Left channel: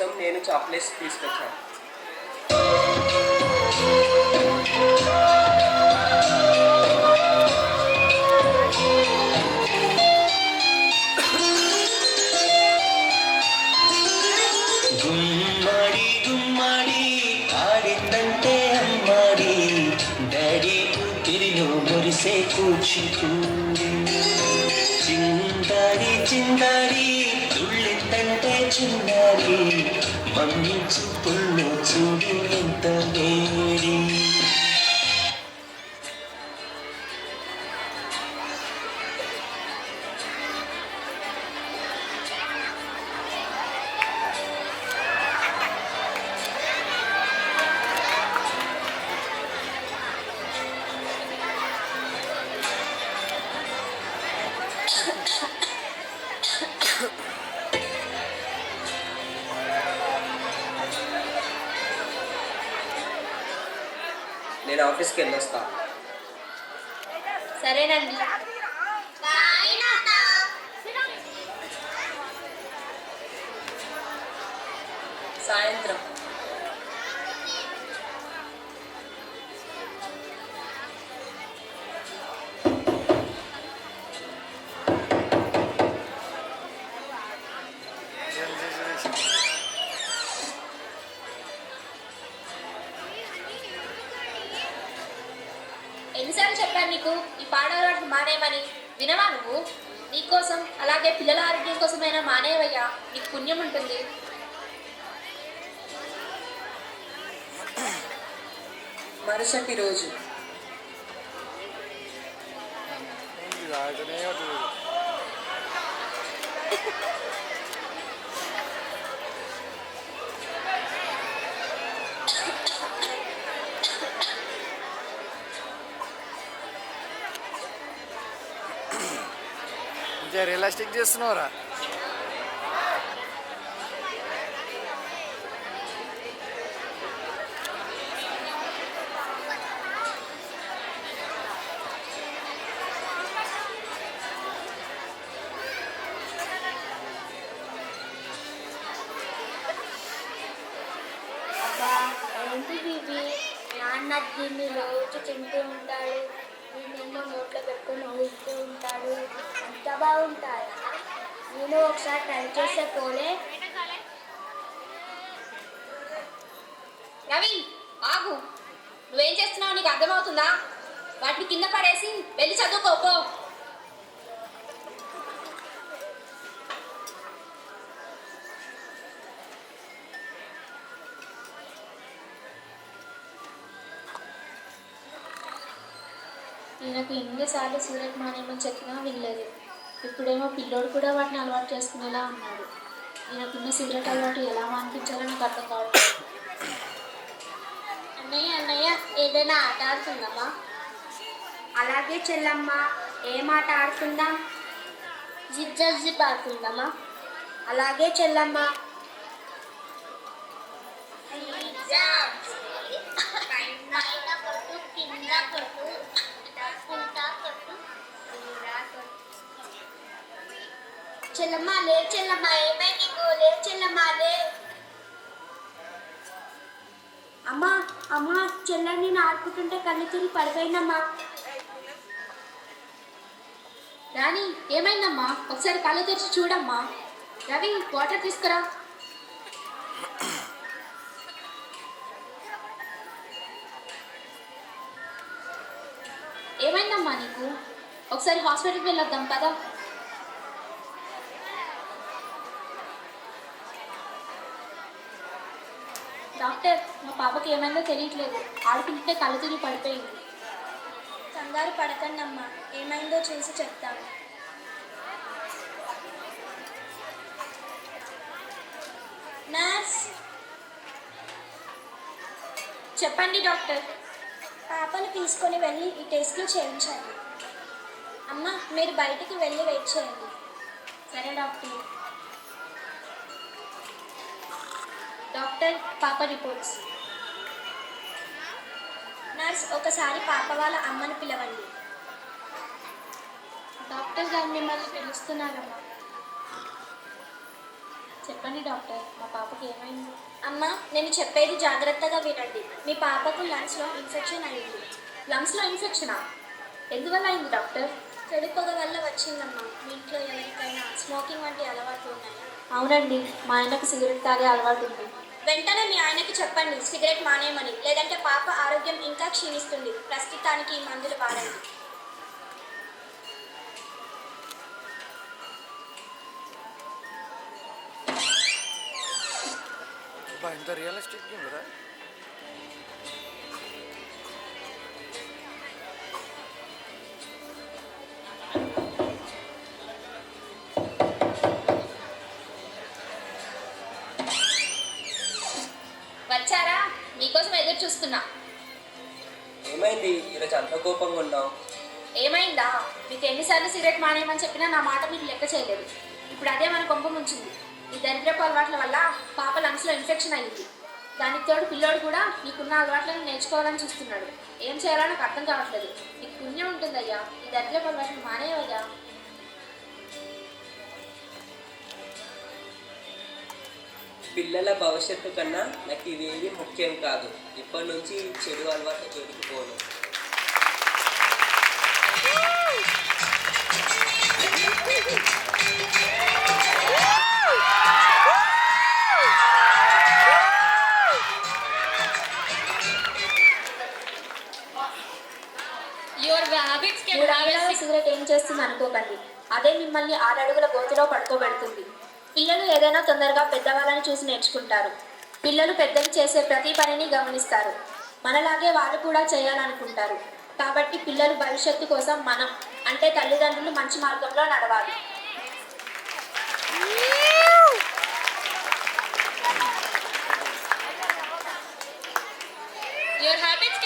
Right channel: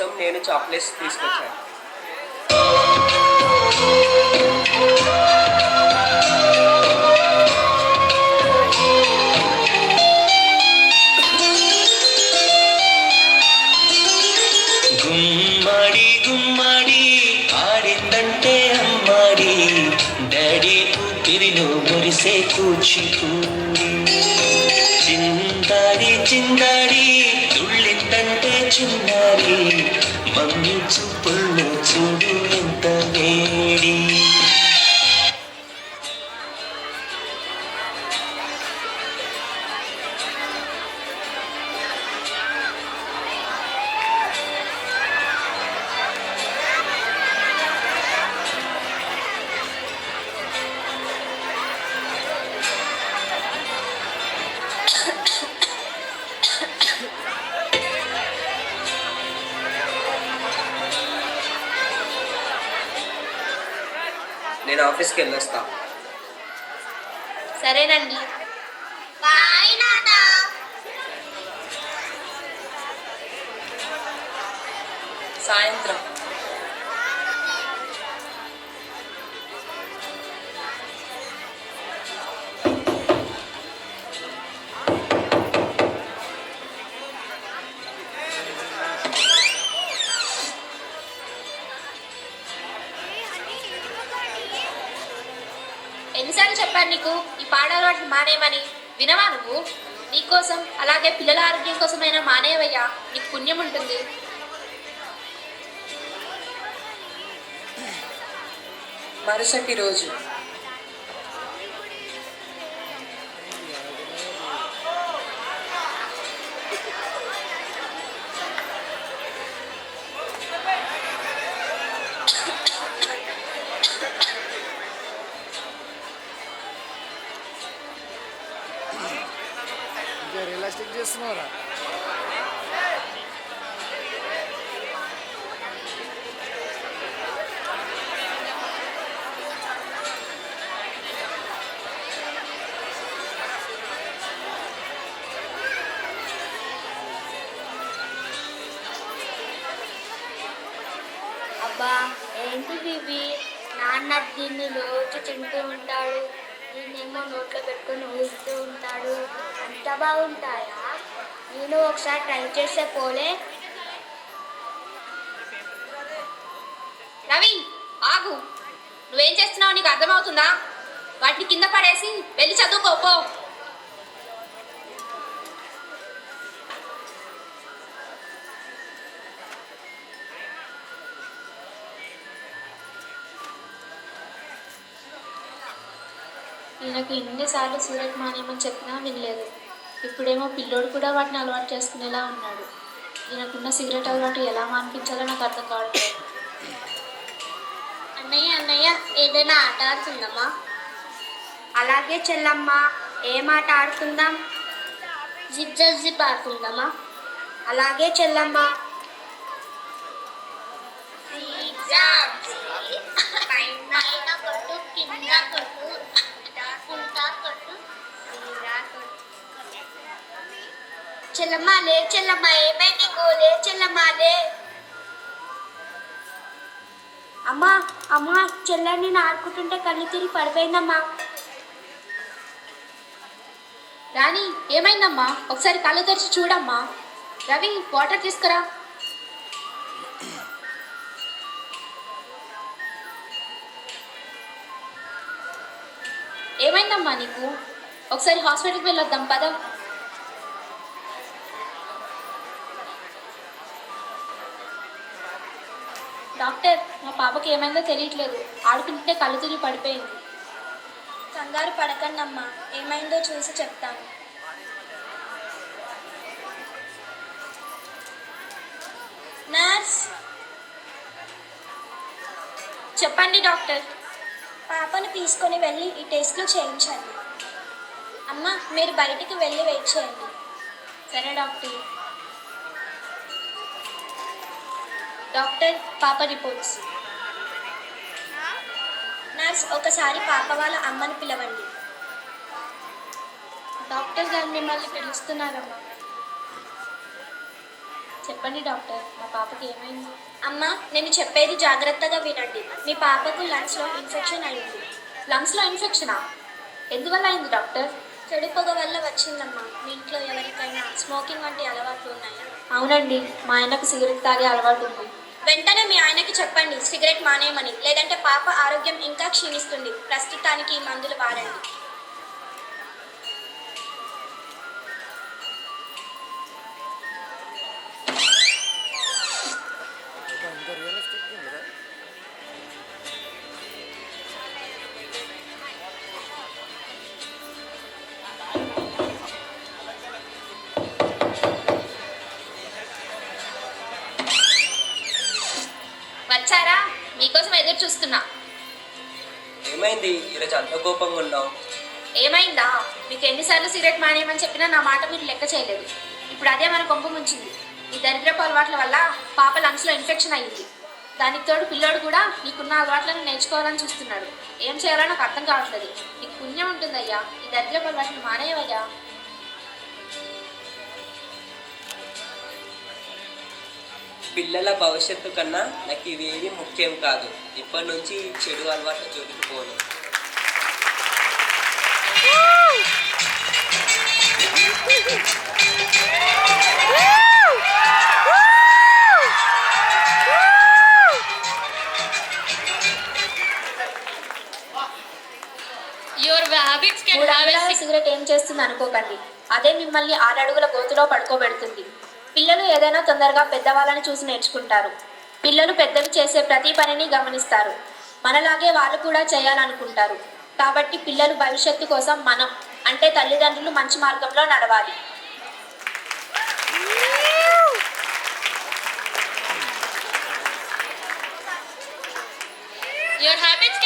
కోసం నేను చాక్లెట్స్ తీసుకొచ్చాను. గుమ్మడి గుమ్మడి ఆడిందంటే అమ్మాడి డాడీ ఊపిరిలో మురిసే కూచిపూడి చిందాడి చిందాడి తుళ్ళిందంటే చిన్నారి మమ్మీ చూపుల్లో చూడు ఎంత వేడి. నేను ఆఫీస్కి వెళ్ళొస్తా. సరేనండి. సాయంత్రం. ఎన్నిసార్లు చెప్పాను నీకు ఈ పాడవాటిని మానేయమని? వినవా నువ్వు? నీకోసం అలాగే పిల్లల ఆరోగ్యం కోసమైనా మానేవయ్యా, నీకు పుణ్యం ఉంటుంది. మరుసటి రోజు. రియలిస్టిక్ చేస్తున్నావురా? అబ్బా ఏంటిది ఇవి? నాన్న దీన్ని రోజు తింటూ ఉంటాడు, దీన్నేమో నోట్లో పెట్టుకొని ఊహిస్తూ ఉంటాడు. అంత బాగుంటాయా? నేను ఒకసారి ట్రై చేస్తే పోలే. రవి ఆగు, నువ్వేం చేస్తున్నావు నీకు అర్థమవుతుందా? వాటిని కింద పడేసి వెళ్ళి చదువుకోపో. ఈయనకు ఇన్నిసార్లు సూరత్ మానేమని చెప్పినా వినలేదు. ఇప్పుడేమో పిల్లోడు కూడా వాటిని అలవాటు చేసుకునేలా ఉన్నాడు. ఈయనకున్న సిగరెట్ అలవాటు ఎలా మానిపించాలో నాకు అర్థం కావట్లేదు. అన్నయ్య అన్నయ్య ఏదైనా ఆట ఆడుకుందామా? అలాగే చెల్లమ్మ, ఏం ఆట ఆడుకుందాం? జిప్ జిప్ ఆడుకుందామా? అలాగే చెల్లమ్మ. చెల్లమ్మ లే, చెల్లమ్మ ఏమైంది? లే చెల్లమ్మ లే. అమ్మా అమ్మా, చెల్లెని నేను ఆడుకుంటుంటే కళ్ళు తిరిగి పడిపోయిందమ్మా. రాణి ఏమైందమ్మా? ఒకసారి కళ్ళు తెరిచి చూడమ్మా. రవి వాటర్ తీసుకురా. ఏమైందమ్మా నీకు? ఒకసారి హాస్పిటల్కి వెళ్ళొద్దాం పదా. డాక్టర్, మా పాపకి ఏమైందో తెలియట్లేదు, ఆడుకుంటే కళ్ళు తిరిగి పడిపోయింది. కంగారు పడకండి అమ్మా, ఏమైందో చూసి చెప్తాను. నర్స్. చెప్పండి డాక్టర్. పాపను తీసుకొని వెళ్ళి ఈ టెస్ట్లు చేయించండి. అమ్మ మీరు బయటికి వెళ్ళి వెయిట్ చేయండి. సరే డాక్టర్. డాక్టర్, పాప రిపోర్ట్స్. నర్స్ ఒకసారి పాప వాళ్ళ అమ్మని పిలవండి. డాక్టర్ గారు మిమ్మల్ని పిలుస్తున్నారమ్మా. చెప్పండి డాక్టర్, మా పాపకి ఏమైంది? అమ్మ, నేను చెప్పేది జాగ్రత్తగా వినండి. మీ పాపకు లంగ్స్లో ఇన్ఫెక్షన్ అయింది. లంగ్స్లో ఇన్ఫెక్షనా? ఎందువల్ల అయింది డాక్టర్? చెడు పొగ వల్ల వచ్చిందమ్మా. మీ ఇంట్లో ఎవరికైనా స్మోకింగ్ వంటి అలవాట్లు ఉన్నాయా? అవునండి, మా ఆయనకు సిగరెట్ తాగే అలవాటు ఉంది. వెంటనే మీ ఆయనకి చెప్పండి సిగరెట్ మానేయమని, లేదంటే పాప ఆరోగ్యం ఇంకా క్షీణిస్తుంది. ప్రస్తుతానికి ఈ మందులు వాడండి. ఇంత రియలిస్టిక్ ఉందిరా. వచ్చారా? మీకోసం ఎదురు చూస్తున్నా. ఏమైంది ఈరోజు అంత కోపంగా ఉన్నావు? ఏమైందా? మీకు ఎన్నిసార్లు సిగరెట్ మానేయమని చెప్పినా నా మాట మీరు లెక్క చేయలేదు. ఇప్పుడు అదే మన కొంప ముంచింది. ఈ దరిద్రపు అలవాట్ల వల్ల పాప లంగ్స్లో ఇన్ఫెక్షన్ అయ్యింది. దానికి తోడు పిల్లోడు కూడా నీకున్న అలవాట్లను నేర్చుకోవాలని చూస్తున్నాడు. ఏం చేయాలో నాకు అర్థం కావట్లేదు. నీకు పుణ్యం ఉంటుందయ్యా, ఈ దరిద్రపు అలవాట్లను మానేయవయ్యా. పిల్లల భవిష్యత్తు కన్నా నాకు ఇవేవి ముఖ్యం కాదు. ఇప్పటి నుంచి చెడు అలవాట్లు జోలికిపోను. సిగరెట్ ఏం చేస్తుంది అనుకోకండి. అదే మిమ్మల్ని 6 అడుగుల గోతులో పడుకోబెడుతుంది. పిల్లలు ఏదైనా తొందరగా పెద్దవాళ్ళని చూసి నేర్చుకుంటారు. పిల్లలు పెద్దలు చేసే ప్రతి పనిని గమనిస్తారు. మనలాగే వాళ్ళు కూడా చేయాలనుకుంటారు. కాబట్టి పిల్లలు భవిష్యత్తు కోసం మనం అంటే తల్లిదండ్రులు మంచి మార్గంలో నడవాలి. Your habits